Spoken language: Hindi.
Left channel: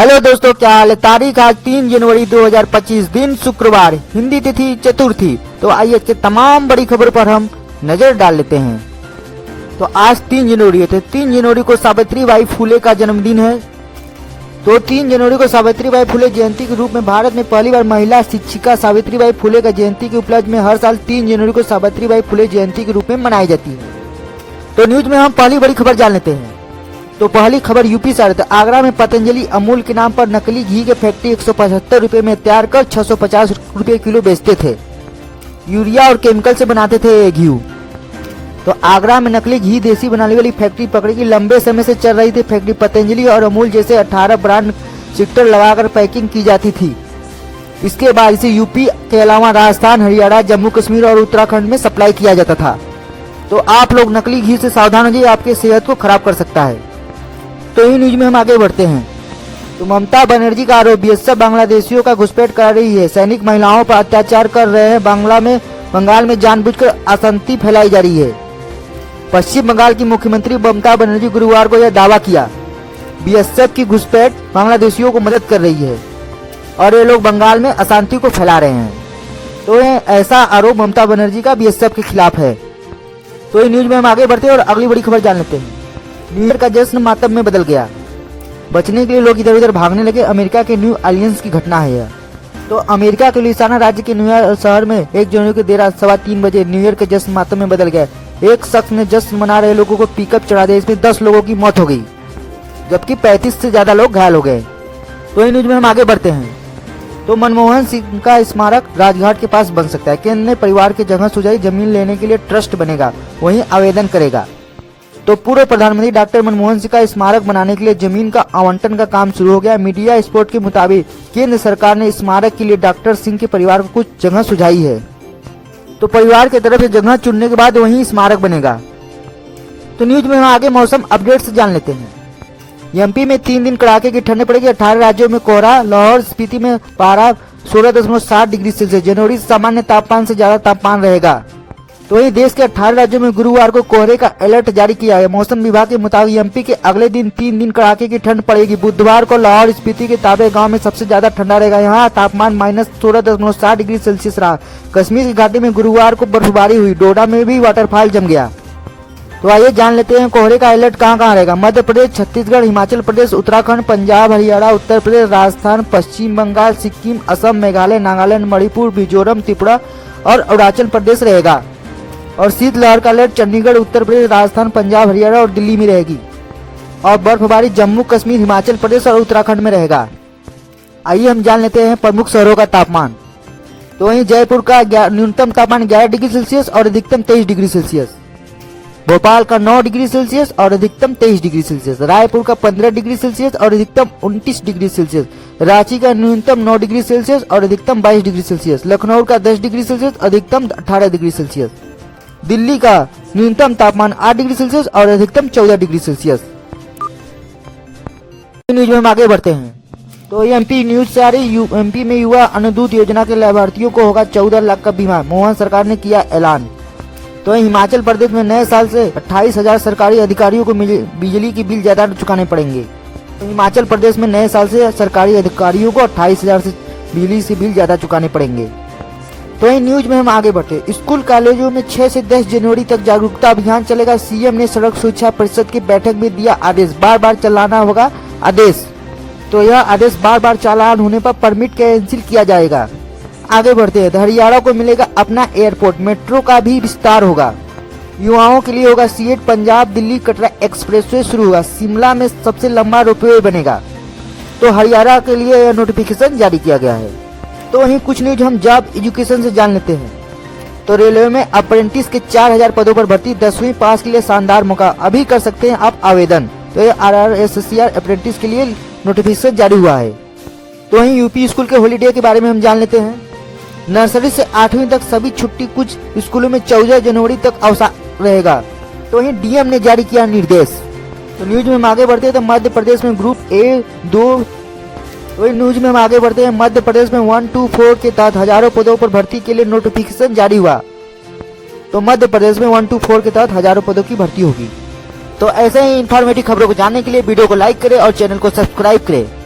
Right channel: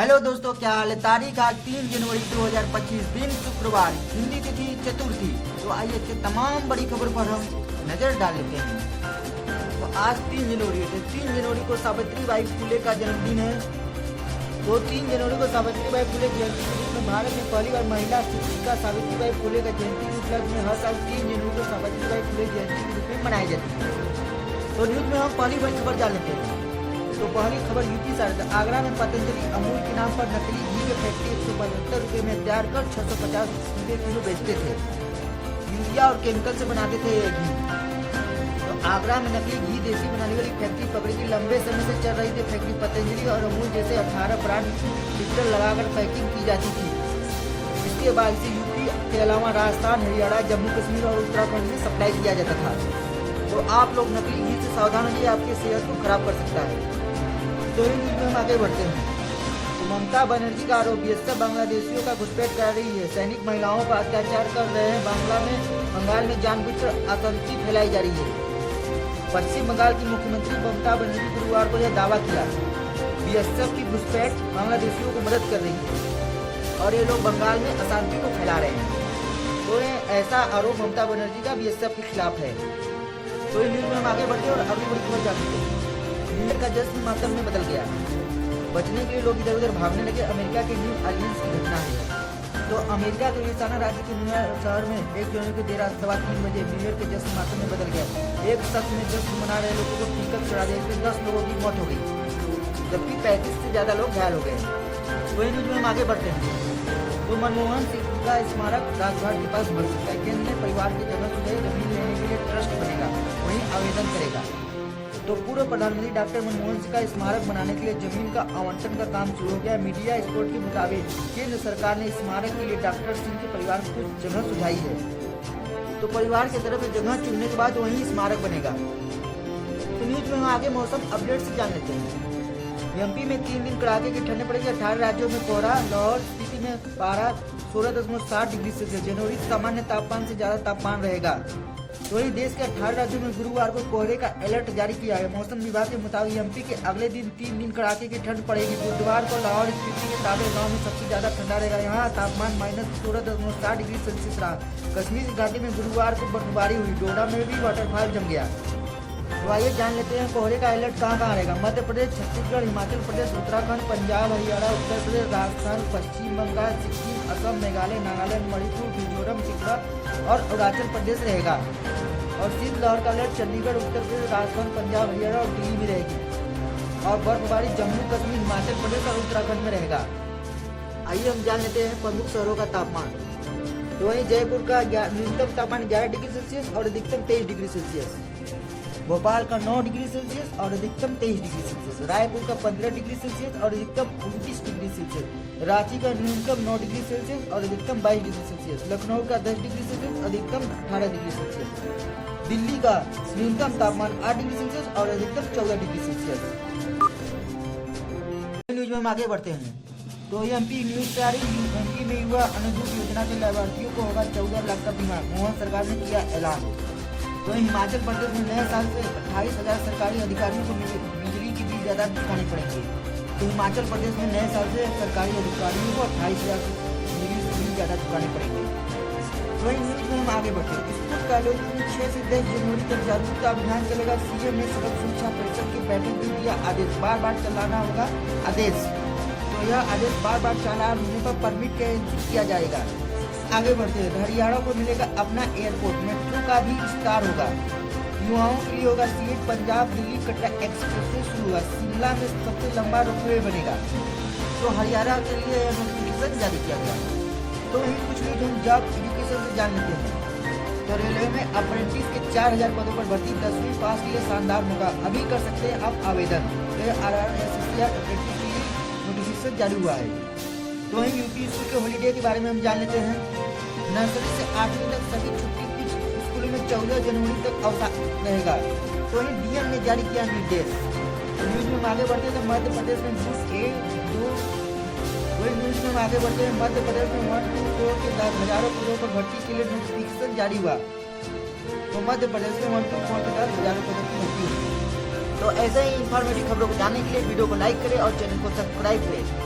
हेलो दोस्तों, क्या हाल है। तारीख आज 3 जनवरी 2025, दिन शुक्रवार, हिंदी तिथि चतुर्थी। तो आइए तमाम बड़ी खबर पर हम नजर डाल लेते हैं। तो आज 3 जनवरी है, तो 3 जनवरी को सावित्री बाई फुले का जन्मदिन है। तो 3 जनवरी को सावित्री बाई फुले जयंती के रूप में भारत में पहली बार महिला शिक्षिका सावित्री बाई फुले का जयंती के उपलक्ष्य में हर साल 3 जनवरी को सावित्री बाई फुले जयंती के रूप में मनाई जाती है। तो न्यूज में हम पहली बड़ी खबर जान लेते हैं। तो पहली खबर यूपी से आ रही है। आगरा में पतंजलि अमूल के नाम पर नकली घी के फैक्ट्री 175 रुपए में तैयार कर 650 रुपए किलो बेचते थे। यूरिया और केमिकल से बनाते थे ये घी। तो आगरा में नकली घी देसी बनाने वाली फैक्ट्री पकड़ी गई। लंबे समय से चल रही थी फैक्ट्री। पतंजलि और अमूल जैसे 18 ब्रांड स्टिकर लगाकर पैकिंग की जाती थी। इसके बाद इसे यूपी के अलावा राजस्थान, हरियाणा, जम्मू कश्मीर और उत्तराखंड में सप्लाई किया जाता था। तो आप लोग नकली घी से सावधान हो जाइए, आपकी सेहत को खराब कर सकता है। तो इस न्यूज में हम आगे बढ़ते हैं। तो ममता बनर्जी का आरोप, बीएसएफ बांग्लादेशियों का घुसपैठ करा रही है। सैनिक महिलाओं पर अत्याचार कर रहे हैं। बंगाल में जानबूझकर अशांति फैलाई जा रही है। पश्चिम बंगाल की मुख्यमंत्री ममता बनर्जी गुरुवार को यह दावा किया, बीएसएफ की घुसपैठ बांग्लादेशियों को मदद कर रही है और ये लोग बंगाल में अशांति को फैला रहे हैं। तो ऐसा आरोप ममता बनर्जी का बीएसएफ के खिलाफ है। तो इस न्यूज में हम आगे बढ़ते हैं और अगली बड़ी खबर जान लेते हैं। न्यू ईयर का जश्न मातम में बदल गया। बचने के लिए लोग इधर उधर भागने लगे। अमेरिका के न्यू ऑरलियंस की घटना है यह। तो अमेरिका के लुइसियाना राज्य के न्यूयॉर्क शहर में 1 जनवरी की देर रात 3:15 बजे न्यू ईयर का जश्न मातम में बदल गया। एक शख्स ने जश्न मना रहे लोगों को पिकअप चढ़ा दिया। इसमें 10 लोगों की मौत हो गई, जबकि 35 से ज्यादा लोग घायल हो गए। तो इन न्यूज में हम आगे बढ़ते हैं। तो मनमोहन सिंह का स्मारक राजघाट के पास बन सकता है। केंद्र ने परिवार की जगह सुझाई, जमीन लेने के लिए ट्रस्ट बनेगा, वहीं आवेदन करेगा। तो पूर्व प्रधानमंत्री डॉक्टर मनमोहन सिंह का स्मारक बनाने के लिए जमीन का आवंटन का काम शुरू हो गया। मीडिया स्पोर्ट के मुताबिक केंद्र सरकार ने स्मारक के लिए डॉक्टर सिंह के परिवार को कुछ जगह सुझाई है। तो परिवार की तरफ से जगह चुनने के बाद वहीं स्मारक बनेगा। तो न्यूज में हम आगे मौसम अपडेट से जान लेते हैं। एमपी में 3 दिन कड़ाके की ठंड पड़ेगी। 18 राज्यों में कोहरा। लाहौर स्पीति में पारा 16.7 डिग्री सेल्सियस जनवरी सामान्य तापमान से ज्यादा तापमान रहेगा। तो वही देश के 18 राज्यों में गुरुवार को कोहरे का अलर्ट जारी किया है। मौसम विभाग के मुताबिक एमपी के अगले दिन 3 दिन कड़ाके की ठंड पड़ेगी। बुधवार को लाहौर स्पीति के ताबे गांव में सबसे ज्यादा ठंडा रहेगा। यहाँ तापमान -16.7 डिग्री सेल्सियस रहा। कश्मीर की घाटी में गुरुवार को बर्फबारी हुई। डोडा में भी वाटरफॉल जम गया। तो आइए जान लेते हैं कोहरे का अलर्ट कहाँ कहाँ रहेगा। मध्य प्रदेश, छत्तीसगढ़, हिमाचल प्रदेश, उत्तराखंड, पंजाब, हरियाणा, उत्तर प्रदेश, राजस्थान, पश्चिम बंगाल, सिक्किम, असम, मेघालय, नागालैंड, मणिपुर, मिजोरम, त्रिपुरा और अरुणाचल प्रदेश रहेगा। और शीतलहर का अलर्ट चंडीगढ़, उत्तर प्रदेश, राजस्थान, पंजाब, हरियाणा और दिल्ली में रहेगी। और बर्फबारी जम्मू कश्मीर, हिमाचल प्रदेश और उत्तराखंड में रहेगा। आइए हम जान लेते हैं प्रमुख शहरों का तापमान। तो वहीं जयपुर का न्यूनतम तापमान 11 डिग्री सेल्सियस और अधिकतम 23 डिग्री सेल्सियस। भोपाल का 9 डिग्री सेल्सियस और अधिकतम 23 डिग्री सेल्सियस। रायपुर का 15 डिग्री सेल्सियस और अधिकतम 29 डिग्री सेल्सियस। रांची का न्यूनतम 9 डिग्री सेल्सियस और अधिकतम 22 डिग्री सेल्सियस। लखनऊ का 10 डिग्री सेल्सियस, अधिकतम 18 डिग्री सेल्सियस। दिल्ली का न्यूनतम तापमान 8 डिग्री सेल्सियस और अधिकतम 14 डिग्री सेल्सियस। न्यूज में हम आगे बढ़ते हैं। तो एमपी न्यूज से आ रही, एमपी में युवा अनुदूत योजना के लाभार्थियों को होगा 14 लाख का बीमा। मोहन सरकार ने किया ऐलान। तो हिमाचल प्रदेश में नए साल से 28,000 सरकारी अधिकारियों को बिजली की बिल ज्यादा चुकाने पड़ेंगे। हिमाचल प्रदेश में नए साल से सरकारी अधिकारियों को 28,000 से बिजली से बिल ज्यादा चुकाने पड़ेंगे। तो इन न्यूज में हम आगे बढ़ते। स्कूल कॉलेजों में 6 से 10 जनवरी तक जागरूकता अभियान चलेगा। सीएम ने सड़क सुरक्षा परिषद की बैठक में दिया आदेश, बार चलाना होगा आदेश। तो यह आदेश बार चालान होने पर परमिट कैंसिल किया जाएगा। आगे बढ़ते हैं। हरियाणा को मिलेगा अपना एयरपोर्ट। मेट्रो का भी विस्तार होगा। युवाओं के लिए होगा सीएट पंजाब दिल्ली कटरा एक्सप्रेसवे शुरू होगा। शिमला में सबसे लंबा रोपवे बनेगा। तो हरियाणा के लिए यह नोटिफिकेशन जारी किया गया है। तो वहीं कुछ न्यूज हम जॉब एजुकेशन से जान लेते हैं। तो रेलवे में अप्रेंटिस के 4000 पदों पर भर्ती। 10वीं पास के लिए शानदार मौका, अभी कर सकते हैं आप आवेदन। तो ये RRSCR अप्रेंटिस के लिए नोटिफिकेशन जारी हुआ है। तो वहीं यूपी स्कूल के हॉलीडे के बारे में हम जान लेते हैं। नर्सरी से 8वीं तक सभी छुट्टी, कुछ स्कूलों में 14 जनवरी तक अवकाश रहेगा। तो वहीं डीएम ने जारी किया निर्देश। तो न्यूज में हम आगे बढ़ते हैं। तो मध्य प्रदेश में ग्रुप A2 न्यूज में हम आगे बढ़ते हैं। मध्य प्रदेश में 1 to 4 के तहत हजारों पदों पर भर्ती के लिए नोटिफिकेशन जारी हुआ। तो मध्य प्रदेश में 1 to 4 के तहत हजारों पदों की भर्ती होगी। तो ऐसे ही इंफॉर्मेटिव खबरों को जानने के लिए वीडियो को लाइक करें और चैनल को सब्सक्राइब करें।